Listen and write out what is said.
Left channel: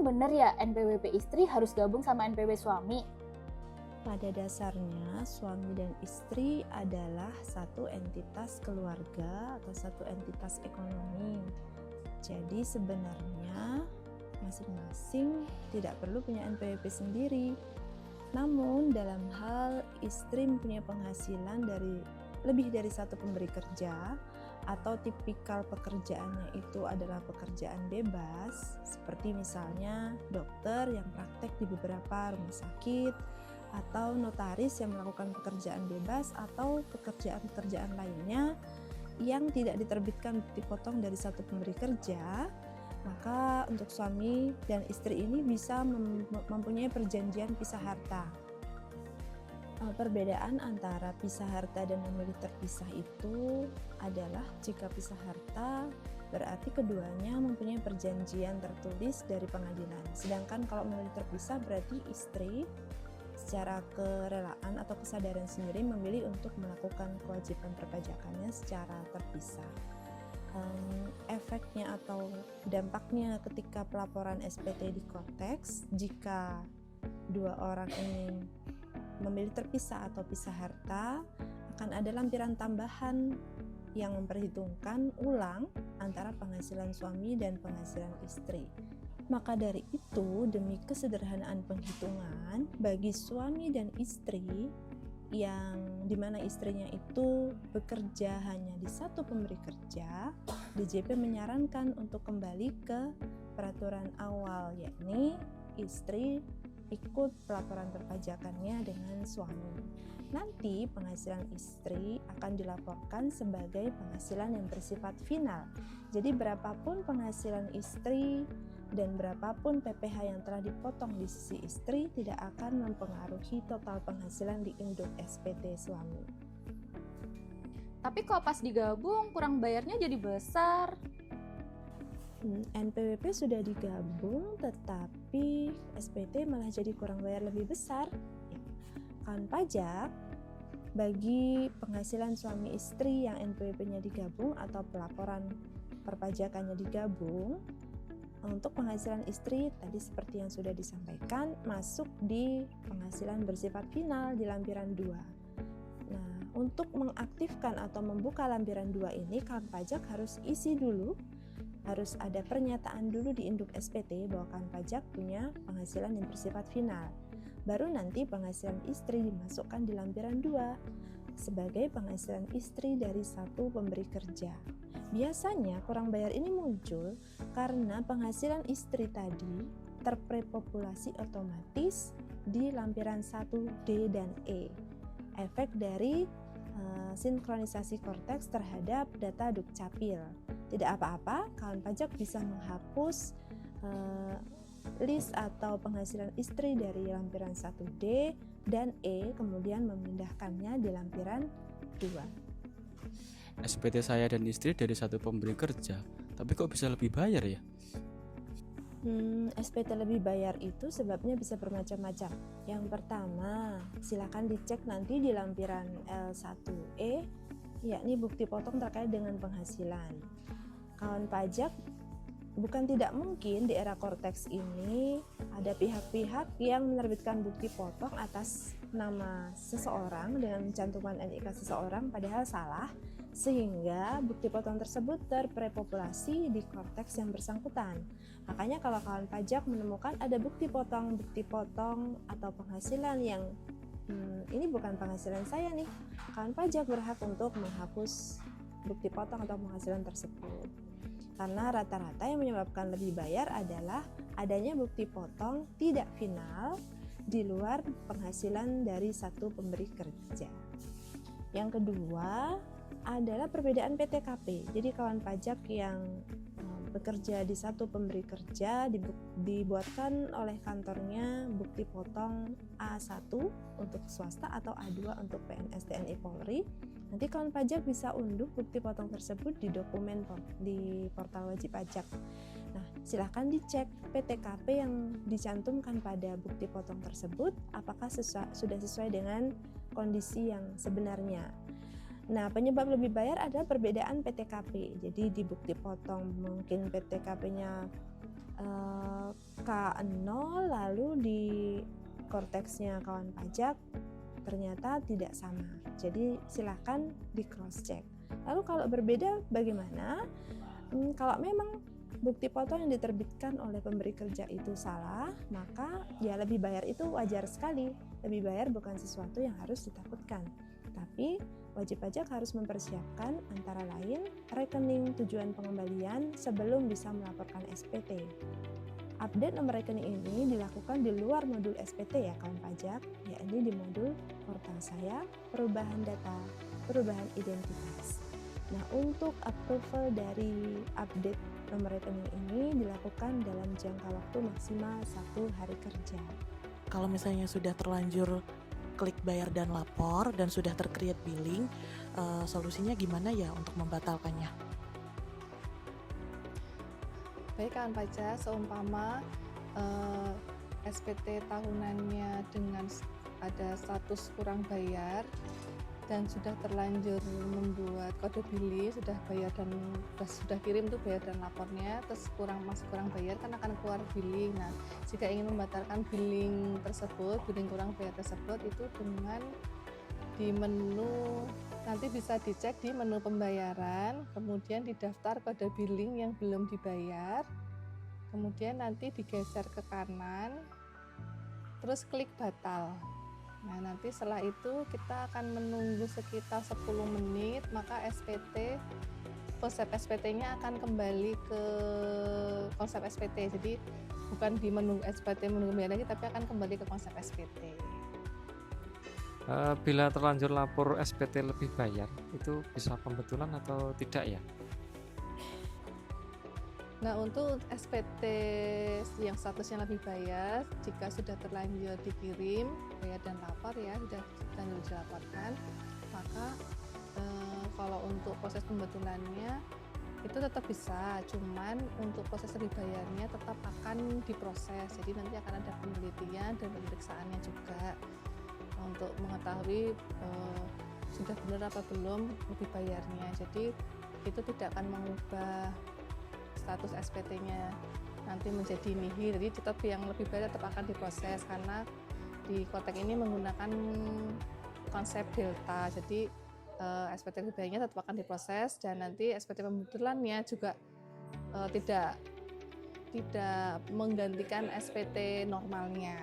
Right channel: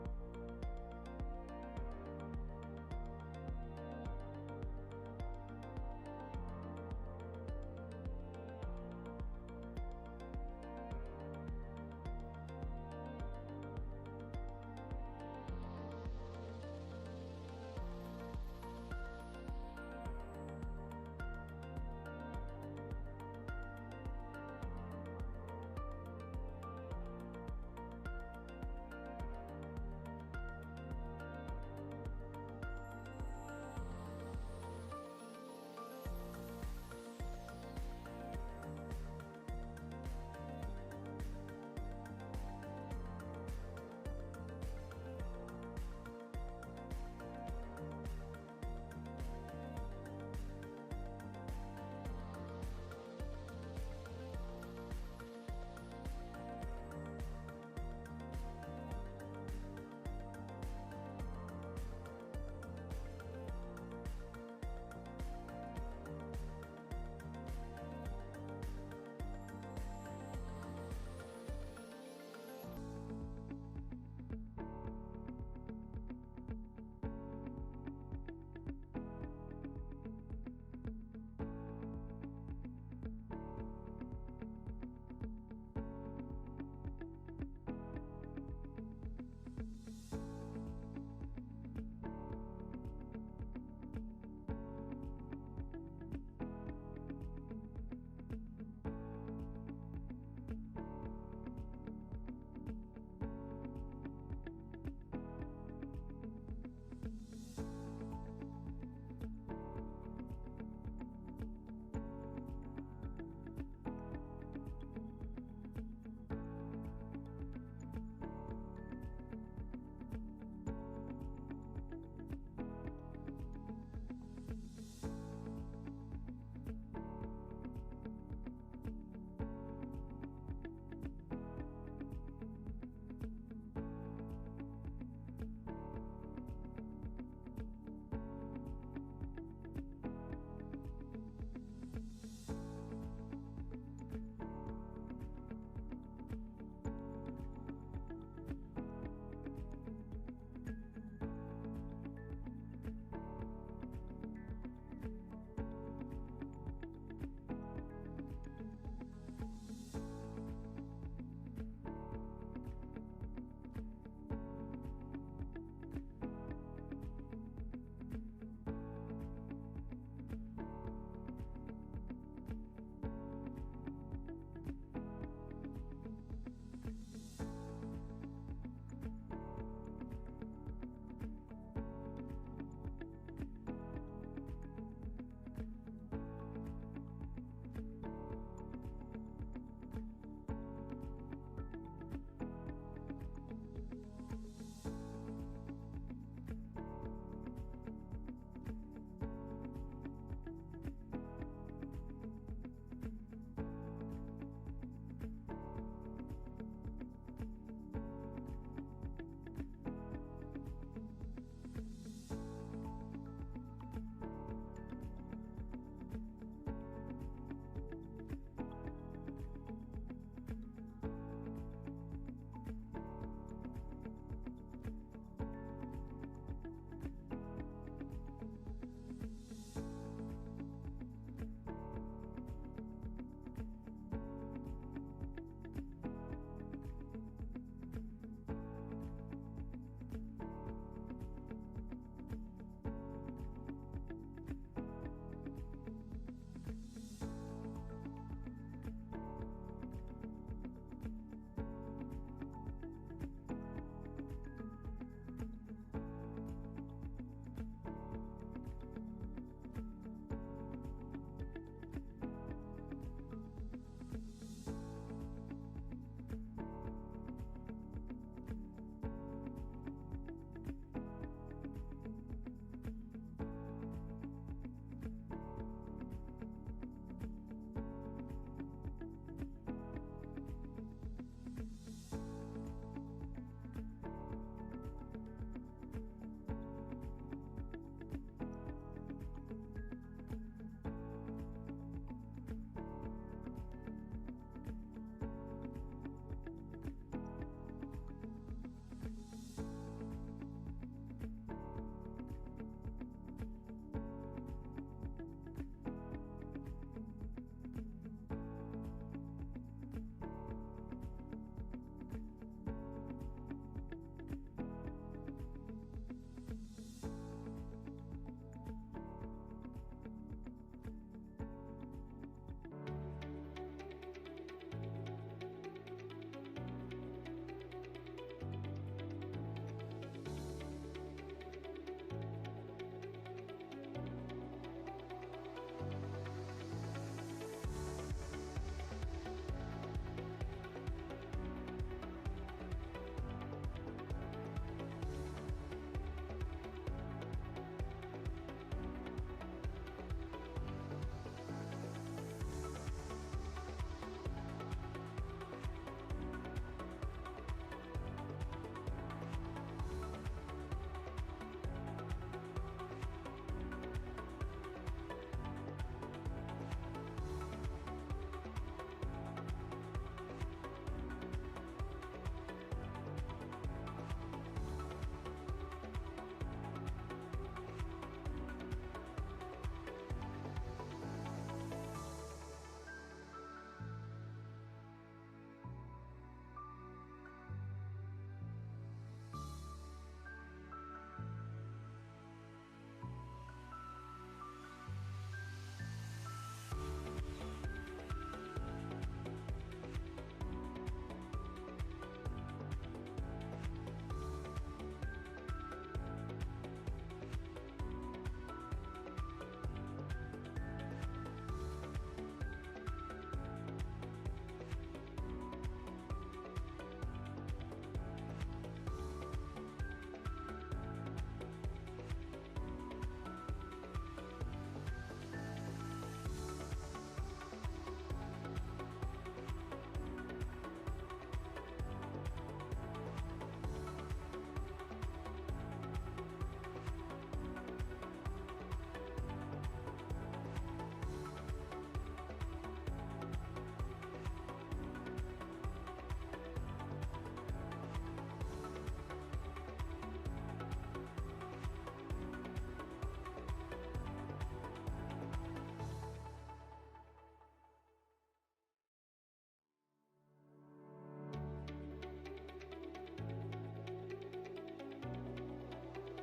emang bener ya NPWP istri harus gabung sama NPWP suami? Pada dasarnya, suami dan istri adalah satu entitas keluarga atau satu entitas ekonomi. Jadi sebenarnya masing-masing tidak perlu punya NPWP sendiri. Namun dalam hal istri mempunyai penghasilan dari lebih dari satu pemberi kerja atau tipikal pekerjaannya itu adalah pekerjaan bebas, seperti misalnya dokter yang praktek di beberapa rumah sakit, atau notaris yang melakukan pekerjaan bebas, atau pekerjaan-pekerjaan lainnya yang tidak diterbitkan bukti potong dari satu pemberi kerja, maka untuk suami dan istri ini bisa mempunyai perjanjian pisah harta. Perbedaan antara pisah harta dan memilih terpisah itu adalah jika pisah harta berarti keduanya mempunyai perjanjian tertulis dari pengadilan. Sedangkan kalau memilih terpisah berarti istri secara kerelaan atau kesadaran sendiri memilih untuk melakukan kewajiban perpajakannya secara terpisah. Efeknya atau dampaknya ketika pelaporan SPT di konteks, jika dua orang ini memilih terpisah atau pisah harta, akan ada lampiran tambahan yang memperhitungkan ulang antara penghasilan suami dan penghasilan istri. Maka dari itu, demi kesederhanaan penghitungan bagi suami dan istri yang dimana istrinya itu bekerja hanya di satu pemberi kerja, DJP menyarankan untuk kembali ke peraturan awal, yakni istri ikut pelaporan perpajakannya dengan suami. Nanti penghasilan istri akan dilaporkan sebagai penghasilan yang bersifat final. Jadi berapapun penghasilan istri dan berapapun PPh yang telah dipotong di sisi istri tidak akan mempengaruhi total penghasilan di induk SPT suami. Tapi kalau pas digabung kurang bayarnya jadi besar. NPWP sudah digabung tetapi SPT malah jadi kurang bayar lebih besar. Kawan pajak, bagi penghasilan suami istri yang NPWP-nya digabung atau pelaporan perpajakannya digabung, untuk penghasilan istri tadi seperti yang sudah disampaikan masuk di penghasilan bersifat final di lampiran 2. Nah, untuk mengaktifkan atau membuka lampiran 2 ini kawan pajak harus isi dulu, harus ada pernyataan dulu di induk SPT bahwa kawan pajak punya penghasilan yang bersifat final. Baru nanti penghasilan istri dimasukkan di lampiran 2 sebagai penghasilan istri dari satu pemberi kerja. Biasanya kurang bayar ini muncul karena penghasilan istri tadi terprepopulasi otomatis di lampiran 1D dan E. Efek dari sinkronisasi korteks terhadap data Dukcapil. Tidak apa-apa, kawan pajak bisa menghapus list atau penghasilan istri dari lampiran 1D dan E, kemudian memindahkannya di lampiran 2. SPT saya dan istri dari satu pemberi kerja, tapi kok bisa lebih bayar ya? SPT lebih bayar itu sebabnya bisa bermacam-macam. Yang pertama, silakan dicek nanti di lampiran L1E, yakni bukti potong terkait dengan penghasilan. Kawan pajak, bukan tidak mungkin di era korteks ini ada pihak-pihak yang menerbitkan bukti potong atas nama seseorang dengan mencantumkan NIK seseorang padahal salah, sehingga bukti potong tersebut terprepopulasi di korteks yang bersangkutan. Makanya kalau kawan pajak menemukan ada bukti potong atau penghasilan yang ini bukan penghasilan saya nih, kawan pajak berhak untuk menghapus bukti potong atau penghasilan tersebut. Karena rata-rata yang menyebabkan lebih bayar adalah adanya bukti potong tidak final di luar penghasilan dari satu pemberi kerja. Yang kedua adalah perbedaan PTKP. Jadi kawan pajak yang bekerja di satu pemberi kerja dibuatkan oleh kantornya bukti potong A1 untuk swasta atau A2 untuk PNS TNI Polri. Nanti kawan pajak bisa unduh bukti potong tersebut di dokumen di portal wajib pajak. Nah, silahkan dicek PTKP yang dicantumkan pada bukti potong tersebut apakah sudah sesuai dengan kondisi yang sebenarnya. Nah, penyebab lebih bayar adalah perbedaan PTKP. Jadi di bukti potong mungkin PTKP-nya K0 lalu di korteksnya kawan pajak ternyata tidak sama. Jadi silahkan di cross check. Lalu kalau berbeda bagaimana? Kalau memang bukti potong yang diterbitkan oleh pemberi kerja itu salah, maka ya lebih bayar itu wajar sekali. Lebih bayar bukan sesuatu yang harus ditakutkan. Tapi wajib pajak harus mempersiapkan antara lain rekening tujuan pengembalian sebelum bisa melaporkan SPT. Update nomor rekening ini dilakukan di luar modul SPT ya kawan pajak, yakni di modul portal saya, perubahan data, perubahan identitas. Nah, untuk approval dari update nomor rekening ini dilakukan dalam jangka waktu maksimal 1 hari kerja. Kalau misalnya sudah terlanjur klik bayar dan lapor dan sudah tercreate billing, solusinya gimana ya untuk membatalkannya? Baik kawan pajak, seumpama SPT tahunannya dengan ada status kurang bayar dan sudah terlanjur membuat kode billing, sudah bayar dan sudah kirim tuh bayar dan lapornya, terus masih kurang bayar kan akan keluar billing. Nah, jika ingin membatalkan billing tersebut, billing kurang bayar tersebut itu dengan di menu, nanti bisa dicek di menu pembayaran, kemudian didaftar kode billing yang belum dibayar, kemudian nanti digeser ke kanan, terus klik batal. Nah, nanti setelah itu kita akan menunggu sekitar 10 menit, maka konsep SPT-nya akan kembali ke konsep SPT. Jadi bukan di menu SPT menunggu lagi, tapi akan kembali ke konsep SPT. Bila terlanjur lapor SPT lebih bayar, itu bisa pembetulan atau tidak ya? Nah, untuk SPT yang statusnya lebih bayar, jika sudah terlanjur dikirim bayar dan lapor ya, sudah terlanjur dilaporkan, maka kalau untuk proses pembetulannya itu tetap bisa, cuman untuk proses lebih bayarnya tetap akan diproses. Jadi nanti akan ada penelitian dan pemeriksaannya juga untuk mengetahui sudah benar apa belum lebih bayarnya. Jadi itu tidak akan mengubah status SPT-nya nanti menjadi nihil. Jadi tetap yang lebih bayar tetap akan diproses karena di kotak ini menggunakan konsep delta. Jadi SPT lebih bayarnya tetap akan diproses dan nanti SPT pembetulannya juga tidak menggantikan SPT normalnya.